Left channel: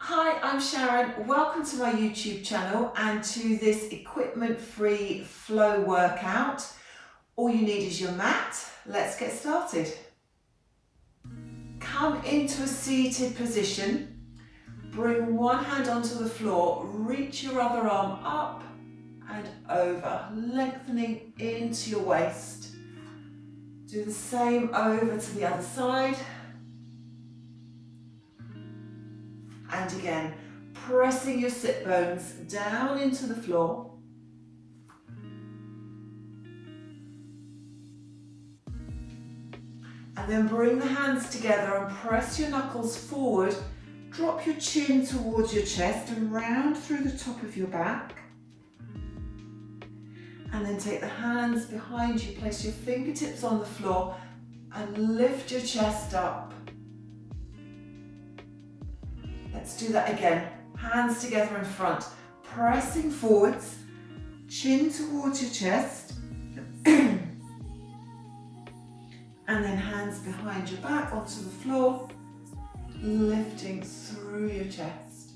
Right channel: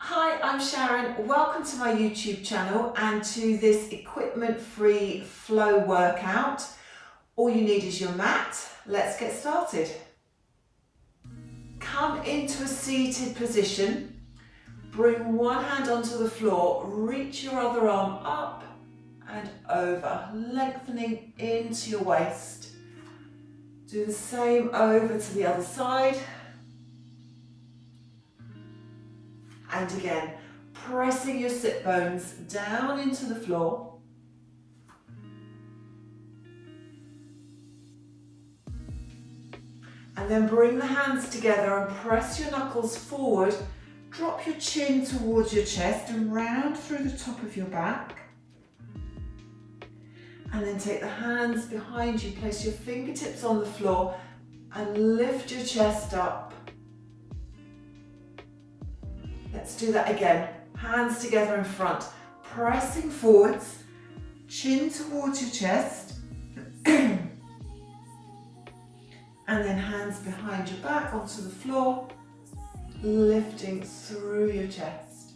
Hi, I'm Sharon. Welcome to my YouTube channel and to this equipment-free flow workout. All you need is your mat. Let's get started. Come into a seated position. Bring one hand onto the floor. Reach your other arm up and over, lengthening into your waist. Do the same over to the other side. And again, pressing your sit bones down into the floor. And then bring the hands together and press your knuckles forward. Drop your chin towards your chest and round through the top of your back. And then take the hands behind you, place your fingertips on the floor and lift your chest up. Let's do that again. Hands together in front, pressing forwards, chin towards your chest. And then hands behind your back onto the floor, lifting through your chest.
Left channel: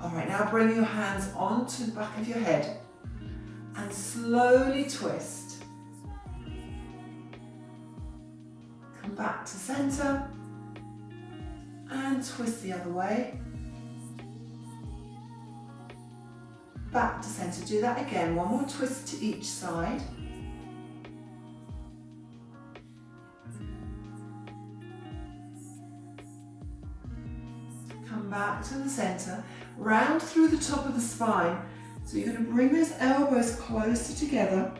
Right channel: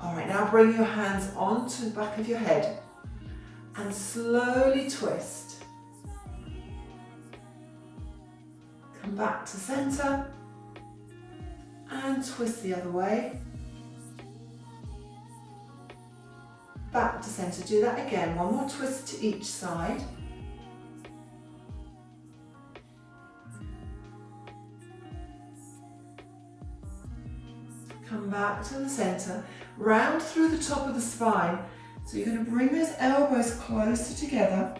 All right, now bring your hands onto the back of your head and slowly twist. Come back to center and twist the other way. Back to center. Do that again. One more twist to each side. Come back to the center. Round through the top of the spine. So you're going to bring those elbows closer together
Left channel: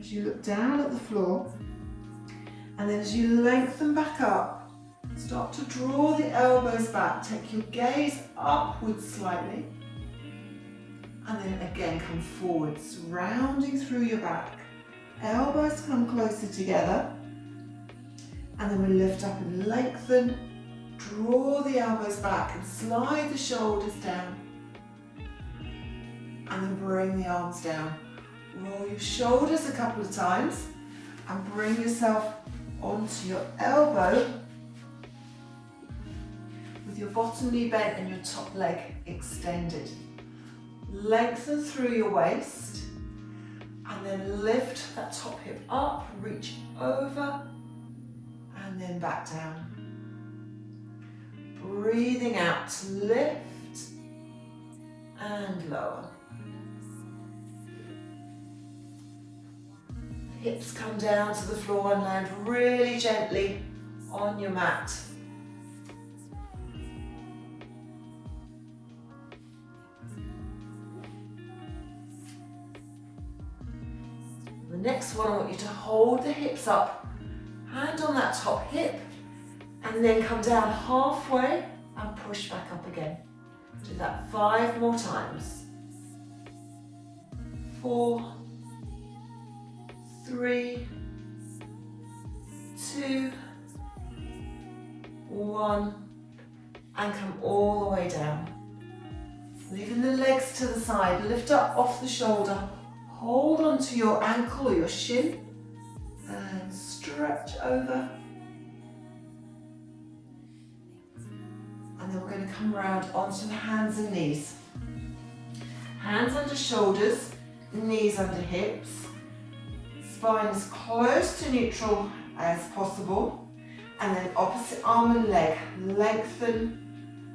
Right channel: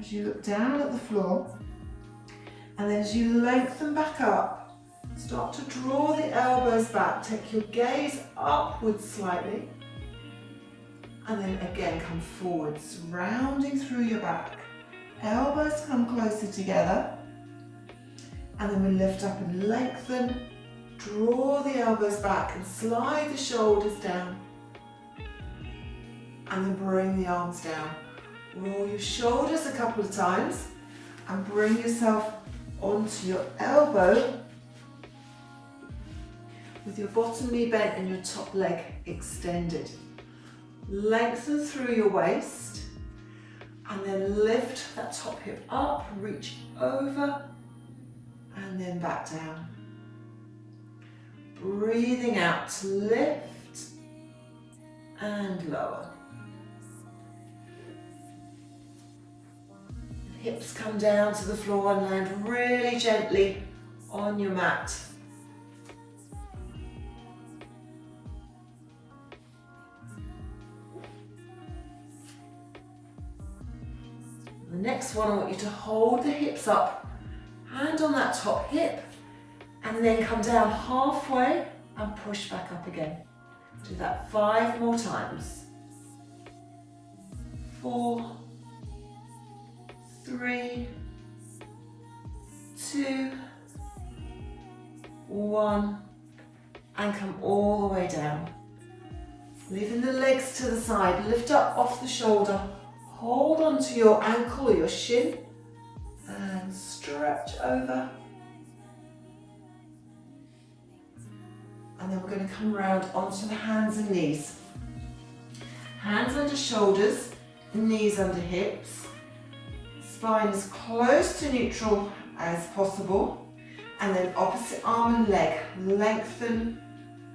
as you look down at the floor. And then as you lengthen back up, start to draw the elbows back. Take your gaze upwards slightly. And then again come forwards, rounding through your back. Elbows come closer together. And then we lift up and lengthen. Draw the elbows back and slide the shoulders down. And then bring the arms down. Roll your shoulders a couple of times and bring yourself onto your elbow with your bottom knee bent and your top leg extended. Lengthen through your waist and then lift that top hip up, reach over and then back down. Breathing out, lift and lower. Hips come down to the floor and land really gently on your mat. The next one, I want you to hold the hips up, hand on that top hip, and then come down halfway and push back up again. Do that 5 more times. 4, 3, 2, 1, and come all the way down. Leaving the legs to the side, lift up off the shoulder, hold onto your ankle or your shin, and stretch over. And then we're going to come round onto the hands and knees. Hands under shoulders, knees under hips. Spine as close to neutral as possible. And then opposite arm and leg, lengthen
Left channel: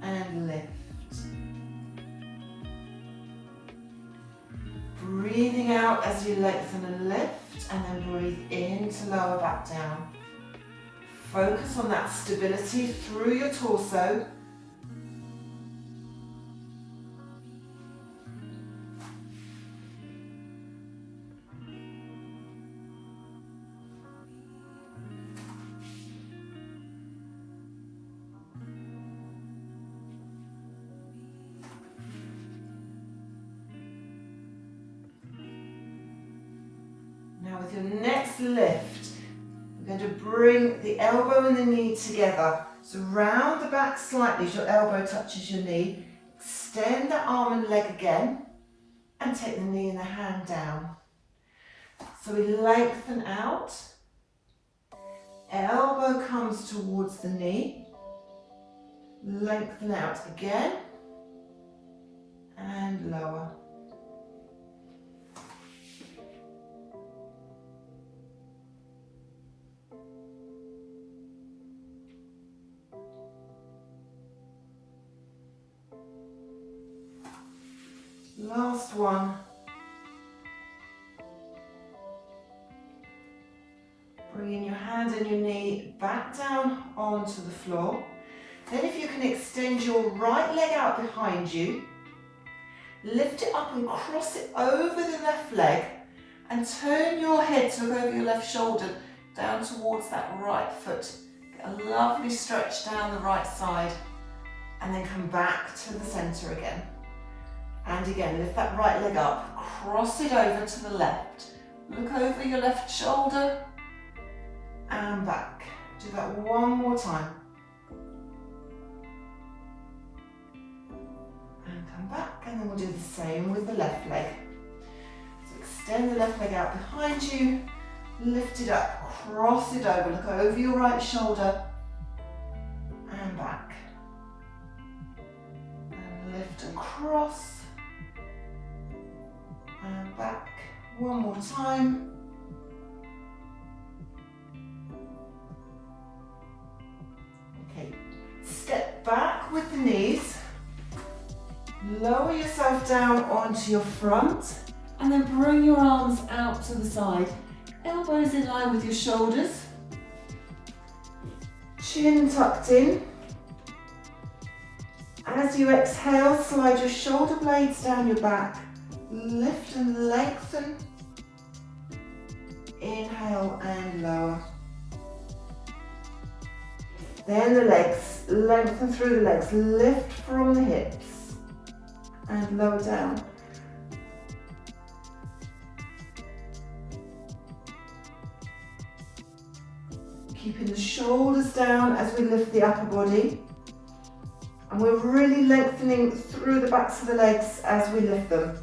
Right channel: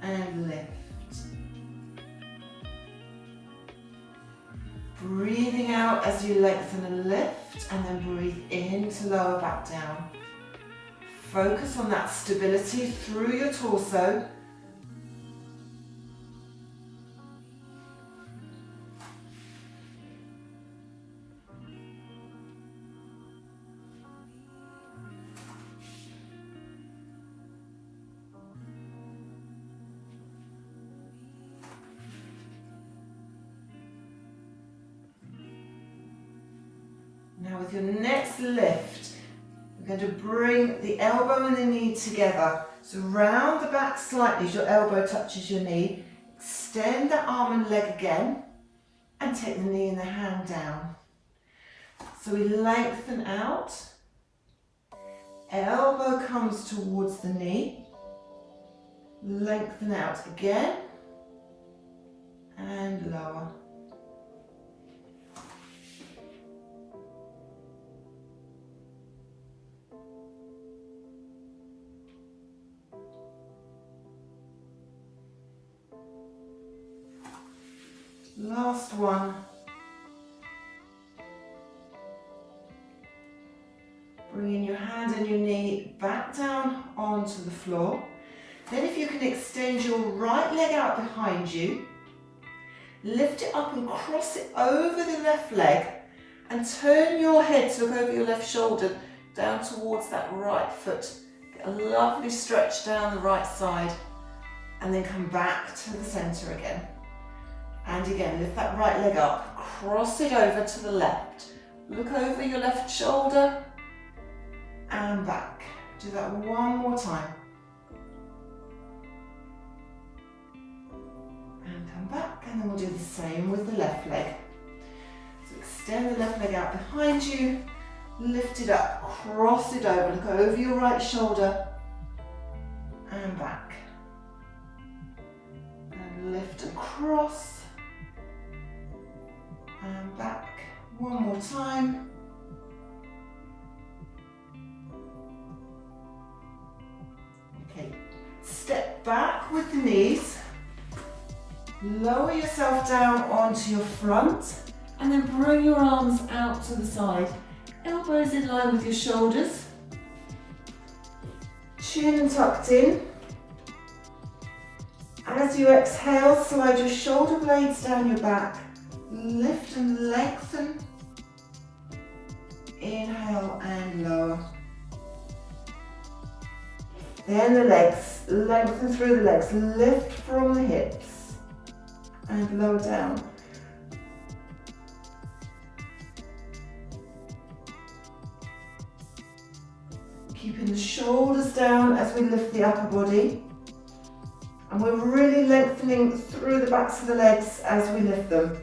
and lift. Breathing out as you lengthen and lift, and then breathe in to lower back down. Focus on that stability through your torso. With your next lift, we're going to bring the elbow and the knee together. So round the back slightly as your elbow touches your knee. Extend that arm and leg again and take the knee and the hand down. So we lengthen out. elbow comes towards the knee. Lengthen out again. And lower. Last one. Bringing your hand and your knee back down onto the floor. Then if you can extend your right leg out behind you, lift it up and cross it over the left leg and turn your head to look over your left shoulder down towards that right foot. Get a lovely stretch down the right side and then come back to the centre again. And again, lift that right leg up, cross it over to the left. Look over your left shoulder and back. Do that one more time. And come back, and then we'll do the same with the left leg. So extend the left leg out behind you, lift it up, cross it over, look over your right shoulder and back. And lift and cross. And back. One more time. Okay, step back with the knees. Lower yourself down onto your front and then bring your arms out to the side. Elbows in line with your shoulders. Chin tucked in. As you exhale, slide your shoulder blades down your back. Lift and lengthen. Inhale and lower. Then the legs, lengthen through the legs. Lift from the hips and lower down. Keeping the shoulders down as we lift the upper body. And we're really lengthening through the backs of the legs as we lift them.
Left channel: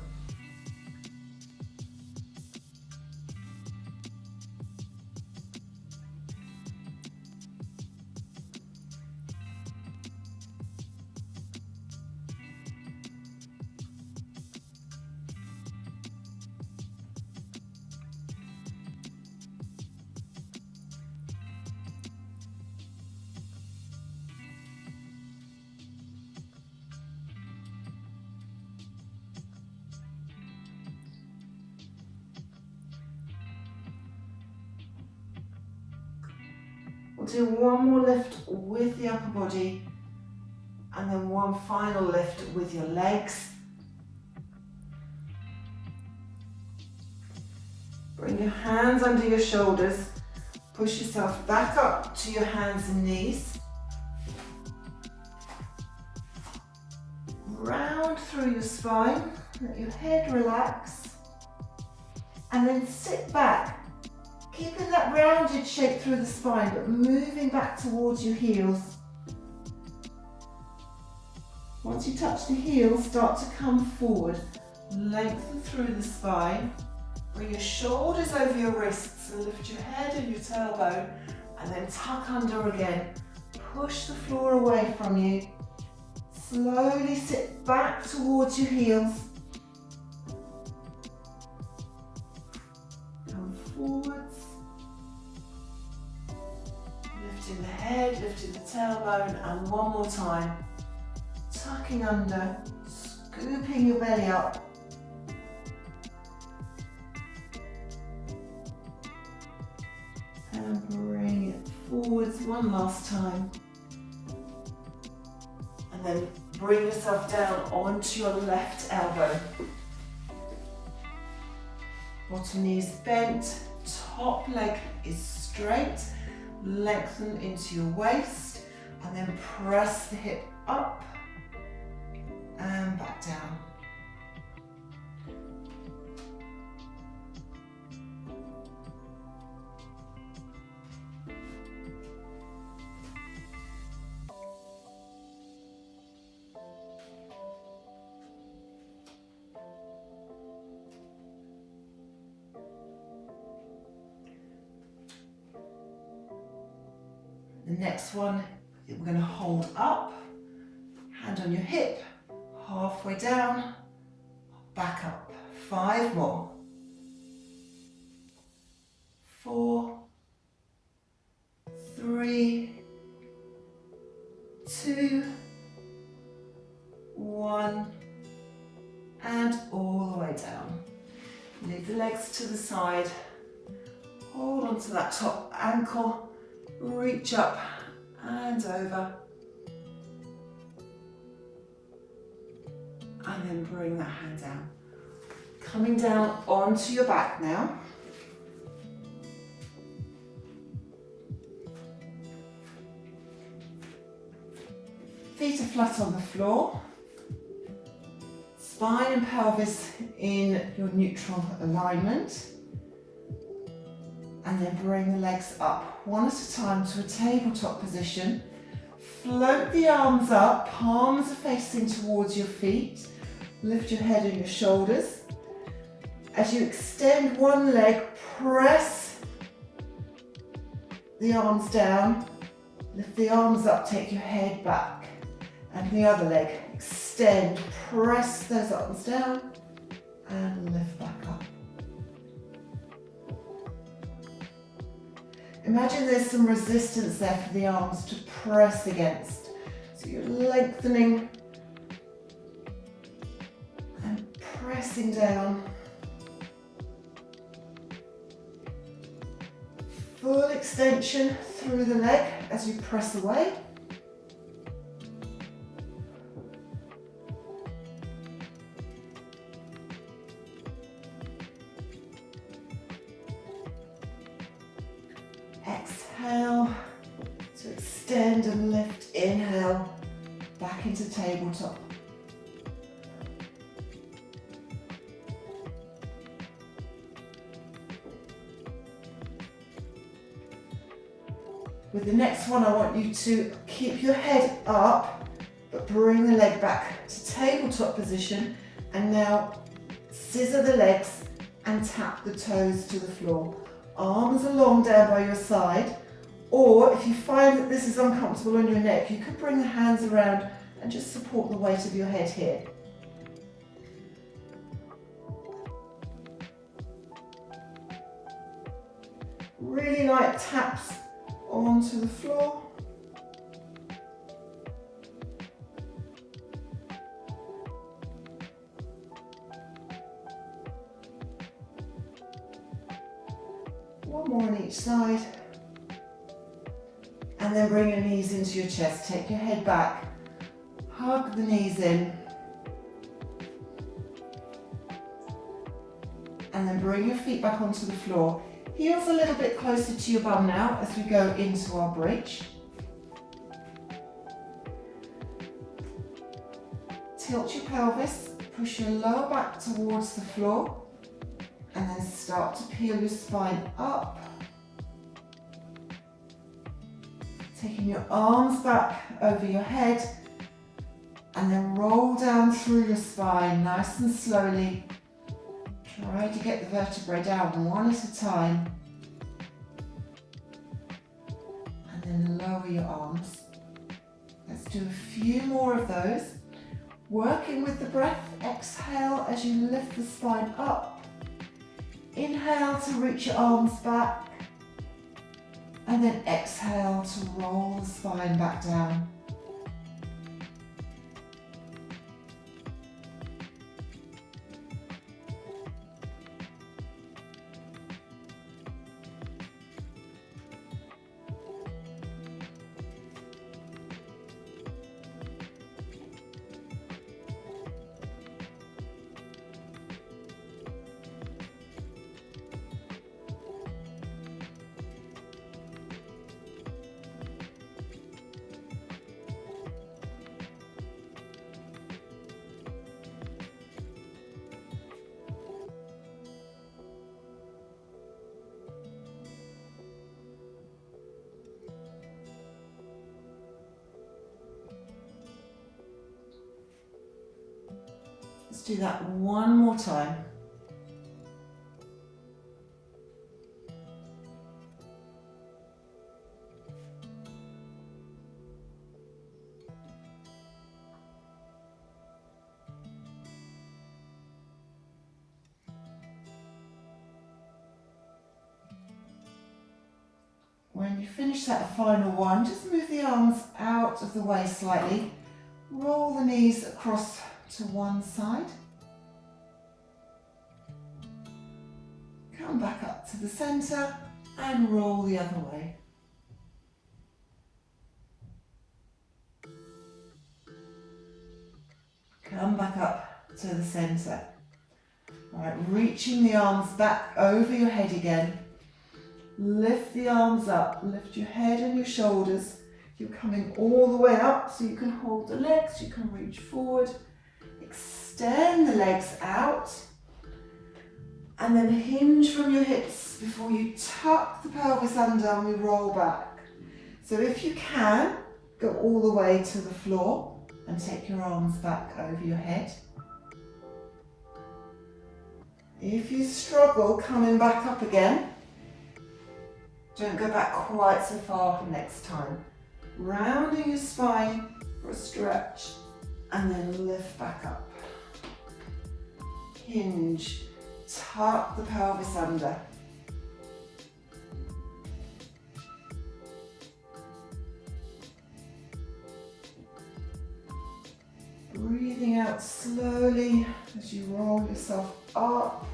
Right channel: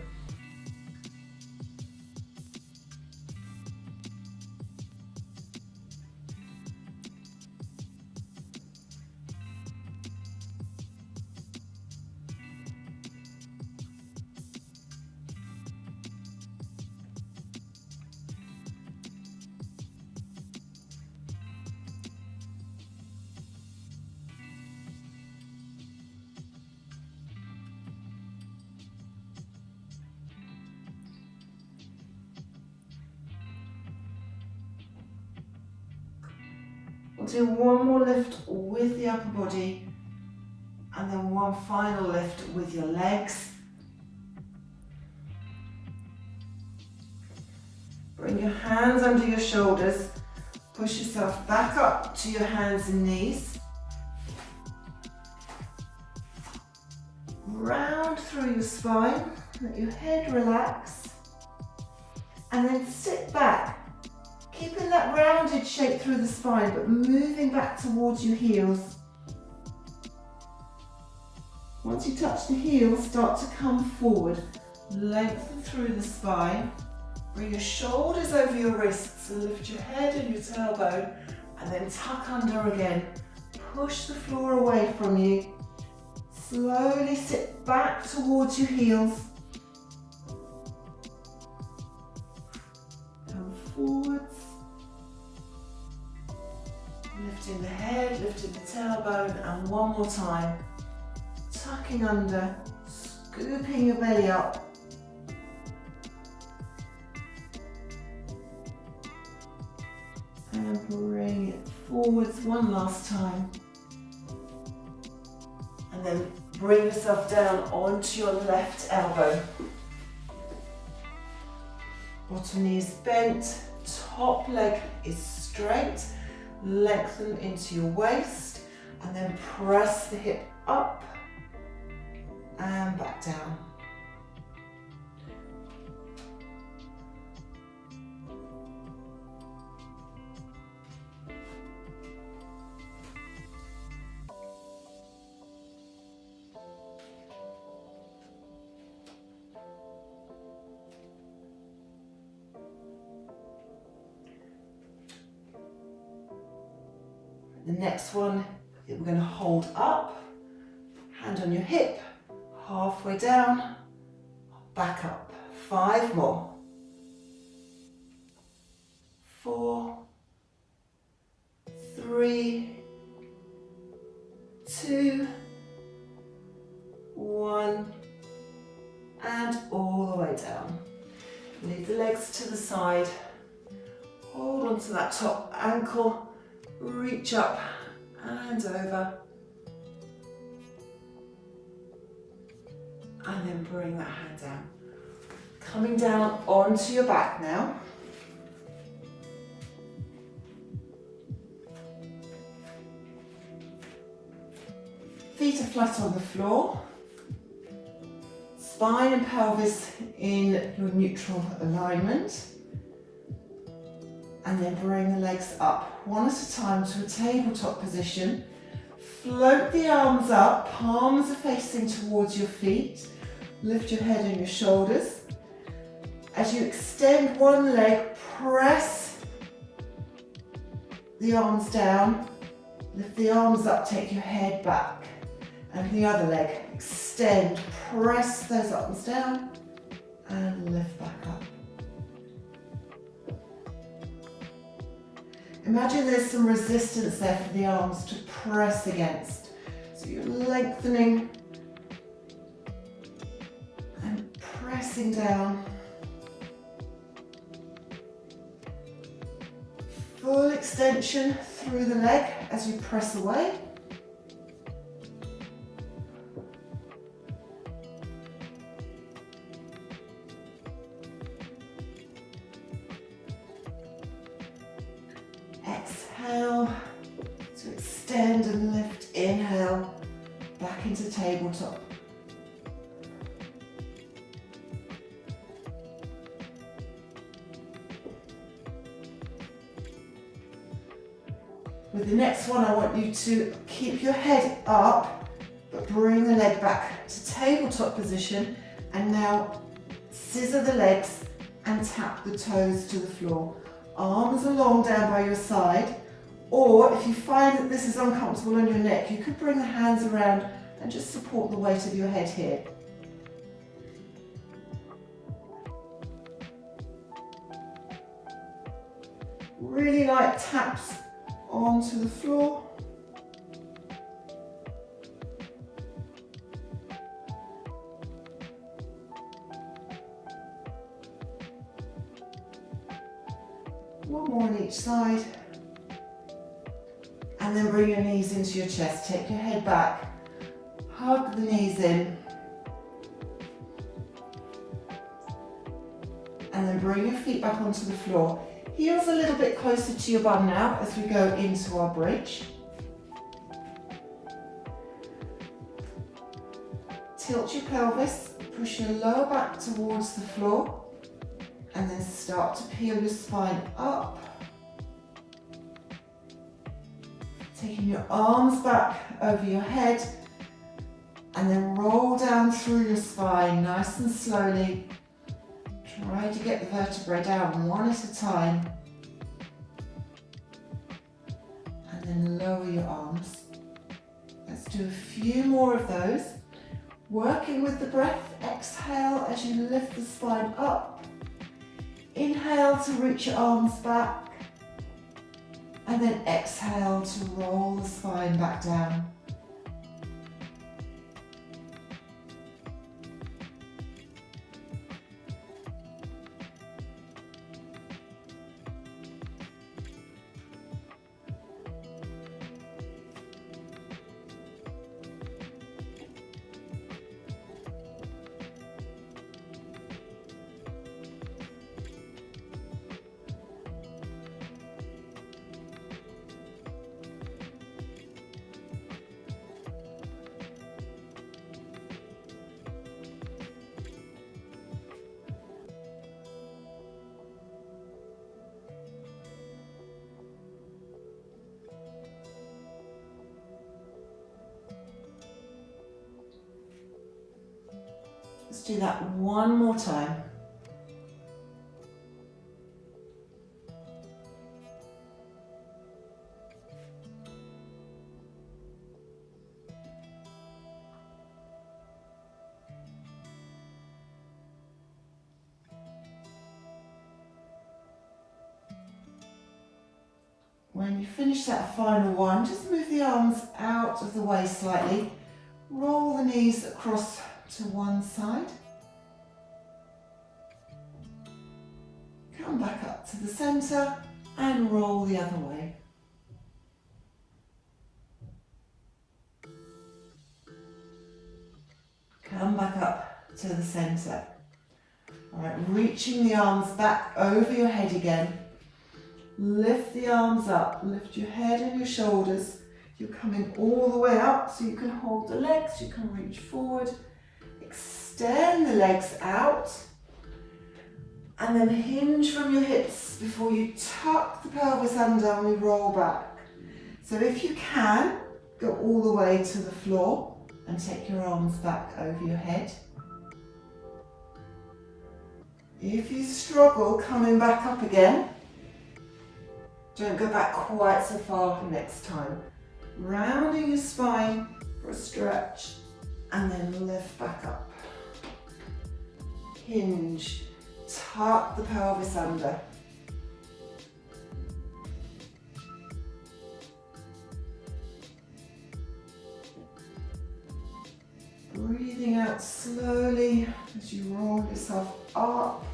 We'll do one more lift with the upper body and then one final lift with your legs. Bring your hands under your shoulders. Push yourself back up to your hands and knees. Round through your spine. Let your head relax. And then sit back. Keeping that rounded shape through the spine, but moving back towards your heels. Once you touch the heels, start to come forward. Lengthen through the spine. Bring your shoulders over your wrists, lift your head and your tailbone, and then tuck under again. Push the floor away from you. Slowly sit back towards your heels. Come forwards. Lifting the head, lifting the tailbone, and one more time. Tucking under, scooping your belly up. And bring it forwards one last time. And then bring yourself down onto your left elbow. Bottom knee is bent, top leg is straight. Lengthen into your waist and then press the hip up and back down. The next one, we're going to hold up, hand on your hip, halfway down, back up. 5 more. 4, 3, 2, 1, and all the way down. Leave the legs to the side. Hold on to that top ankle, reach up and over. And then bring that hand down. Coming down onto your back now. Feet are flat on the floor. Spine and pelvis in your neutral alignment. And then bring the legs up one at a time to a tabletop position. Float the arms up, palms are facing towards your feet. Lift your head and your shoulders. As you extend one leg, press the arms down. Lift the arms up, take your head back. And the other leg, extend, press those arms down and lift back up. Imagine there's some resistance there for the arms to press against. So you're lengthening and pressing down. Full extension through the leg as you press away. Exhale to extend and lift. Inhale, back into tabletop. With the next one, I want you to keep your head up, but bring the leg back to tabletop position. And now scissor the legs and tap the toes to the floor. Arms are long down by your side, or if you find that this is uncomfortable on your neck, you could bring the hands around and just support the weight of your head here. Really light taps onto the floor. One more on each side. And then bring your knees into your chest. Take your head back. Hug the knees in. And then bring your feet back onto the floor. Heels a little bit closer to your bum now as we go into our bridge. Tilt your pelvis. Push your lower back towards the floor. And then start to peel your spine up. Taking your arms back over your head. And then roll down through your spine nice and slowly. Try to get the vertebrae down one at a time. And then lower your arms. Let's do a few more of those. Working with the breath, exhale as you lift the spine up. Inhale to reach your arms back. And then exhale to roll the spine back down. Let's do that one more time. When you finish that final one, just move the arms out of the way slightly. Roll the knees across to one side. Come back up to the centre and roll the other way. Come back up to the centre. All right, reaching the arms back over your head again. Lift the arms up, lift your head and your shoulders. You're coming all the way up so you can hold the legs, you can reach forward. Extend the legs out. And then hinge from your hips before you tuck the pelvis under and we roll back. So if you can, go all the way to the floor and take your arms back over your head. If you struggle coming back up again, don't go back quite so far next time. Rounding your spine for a stretch and then lift back up. Hinge, tuck the pelvis under. Breathing out slowly as you roll yourself up.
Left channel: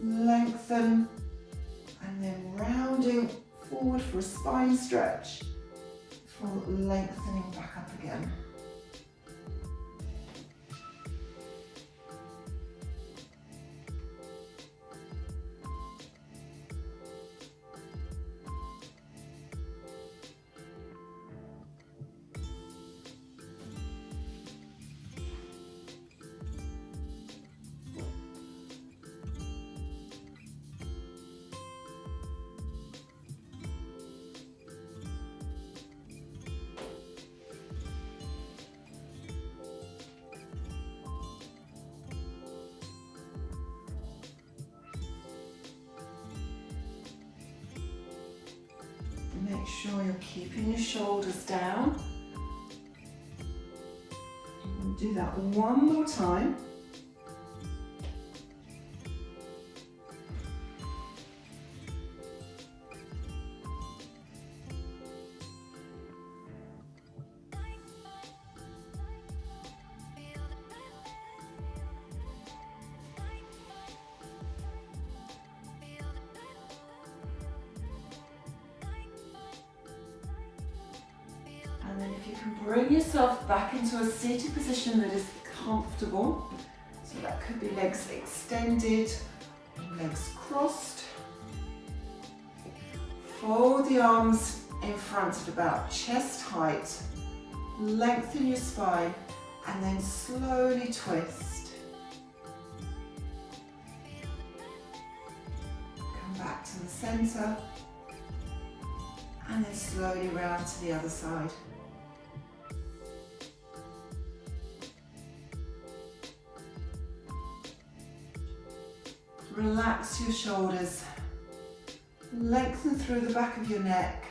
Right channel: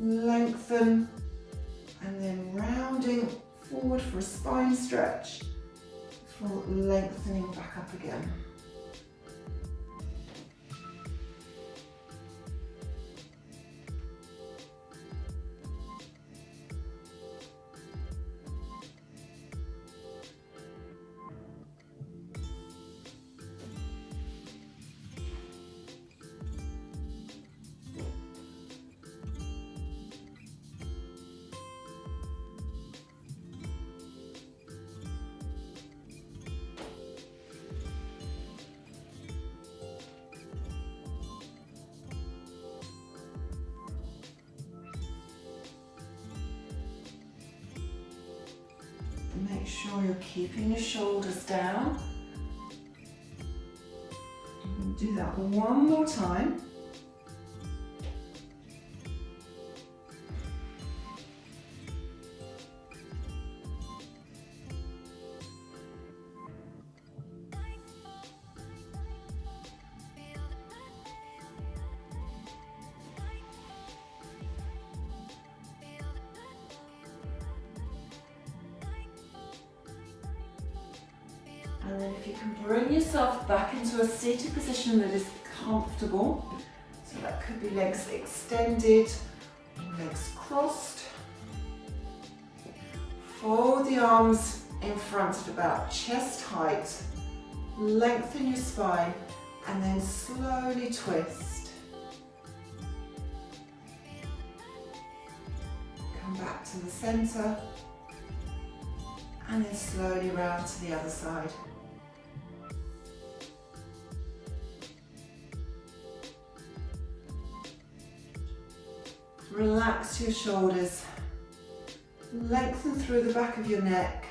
Lengthen and then rounding forward for a spine stretch before lengthening back up again. Make sure you're keeping your shoulders down. You can do that one more time. And then if you can bring yourself back into a seated position that is comfortable, so that could be legs extended, legs crossed. Fold the arms in front at about chest height, lengthen your spine, and then slowly twist. Come back to the centre, and then slowly round to the other side. Relax your shoulders, lengthen through the back of your neck.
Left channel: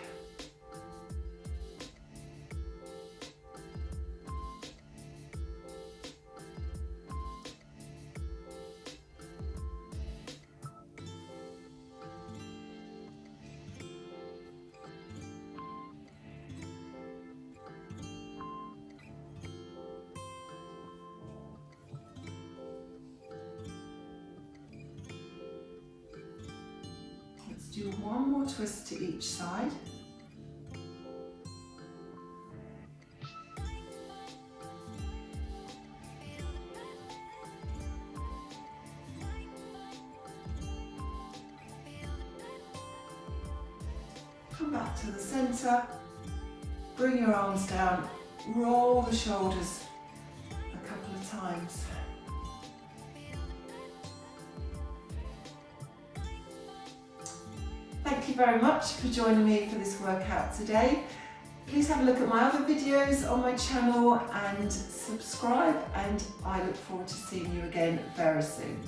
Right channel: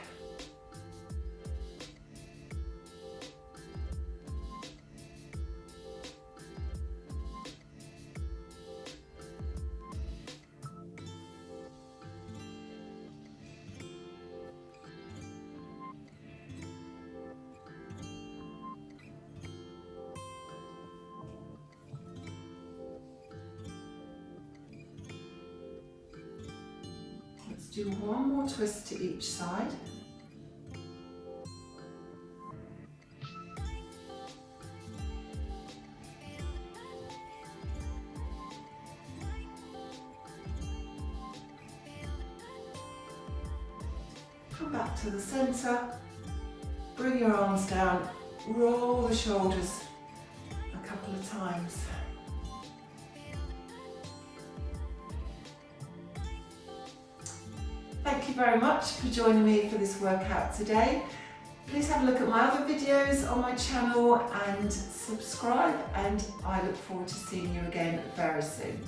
Do one more twist to each side. Come back to the centre, bring your arms down, roll the shoulders a couple of times. Thank you very much for joining me for this workout today. Please have a look at my other videos on my channel and subscribe, and I look forward to seeing you again very soon.